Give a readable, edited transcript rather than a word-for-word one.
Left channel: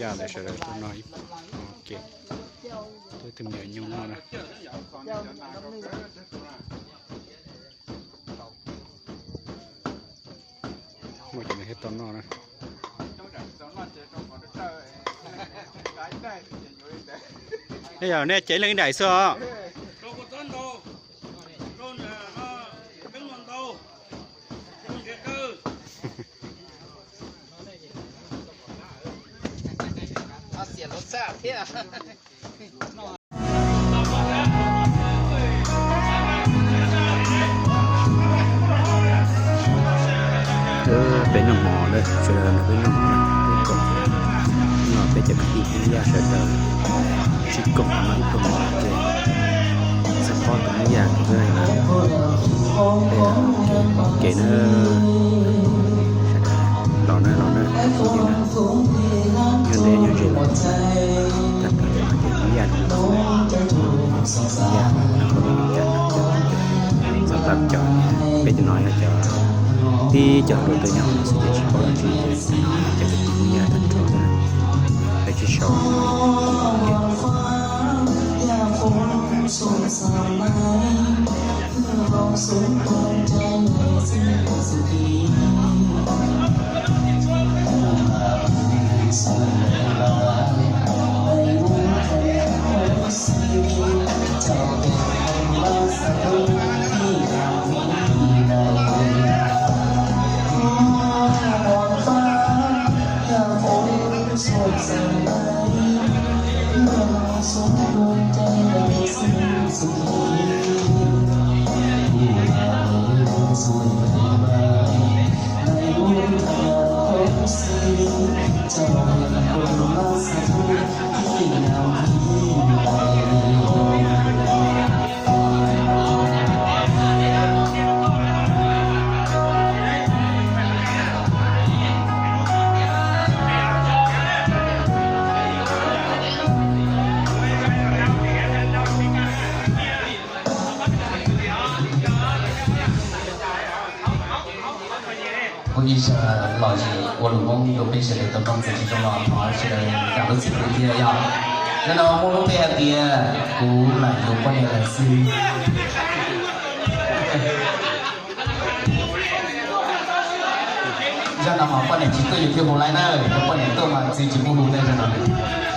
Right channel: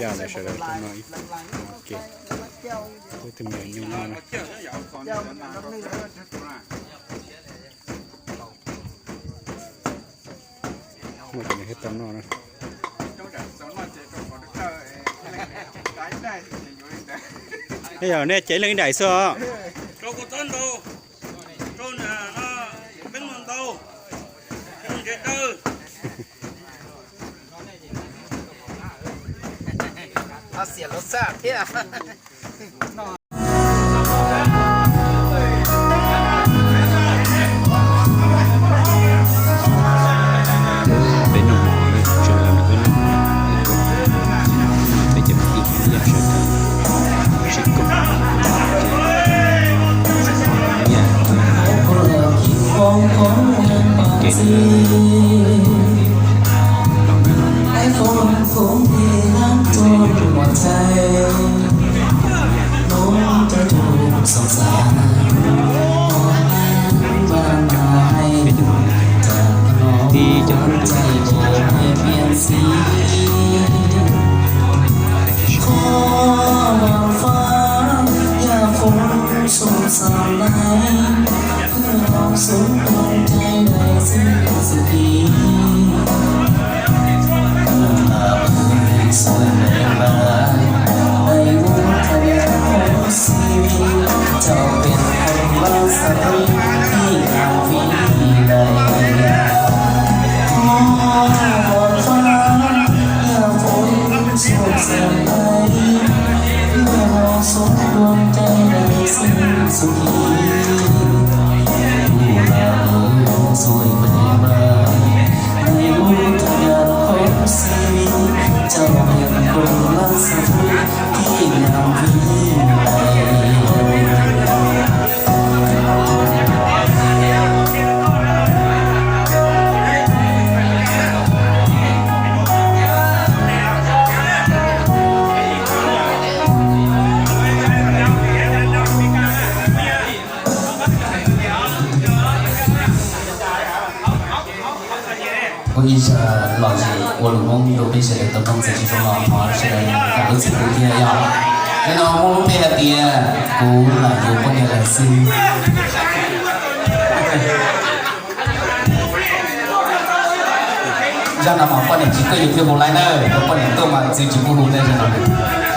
giờ là sẽ là cái nói ok tôi tìm hiểu nhiều ngon mà cái này hết tấm ngon rồi bây giờ nè chạy lên đại sơ câu có tên đâu câu là nó bên mình đâu không chết đâu nóเสียรสชาติที่เป็นหมอเลยเจอเป็นหมอเลยกบหน่อยไปจะพีกินยาเฉยๆชิดกบมันกบหลับตัวสปอร์ตไม่ยากเพื่อนเกเนอร์รอเนอร์ยืนเลยยืนเฉยๆแต่เก็บไม่ยากสำหรับจอเป็นน้อยนะจอที่จะคุยตัวนี้จะชอบที่จะคุยยากแต่จะช我也是老师，我老公都被谁的东西去说了，好是感动自己天要，然后我被他爹，我来有帮你来ซื้อ让他们帮你几个有天不来呢，我帮你都买自己不弄那些。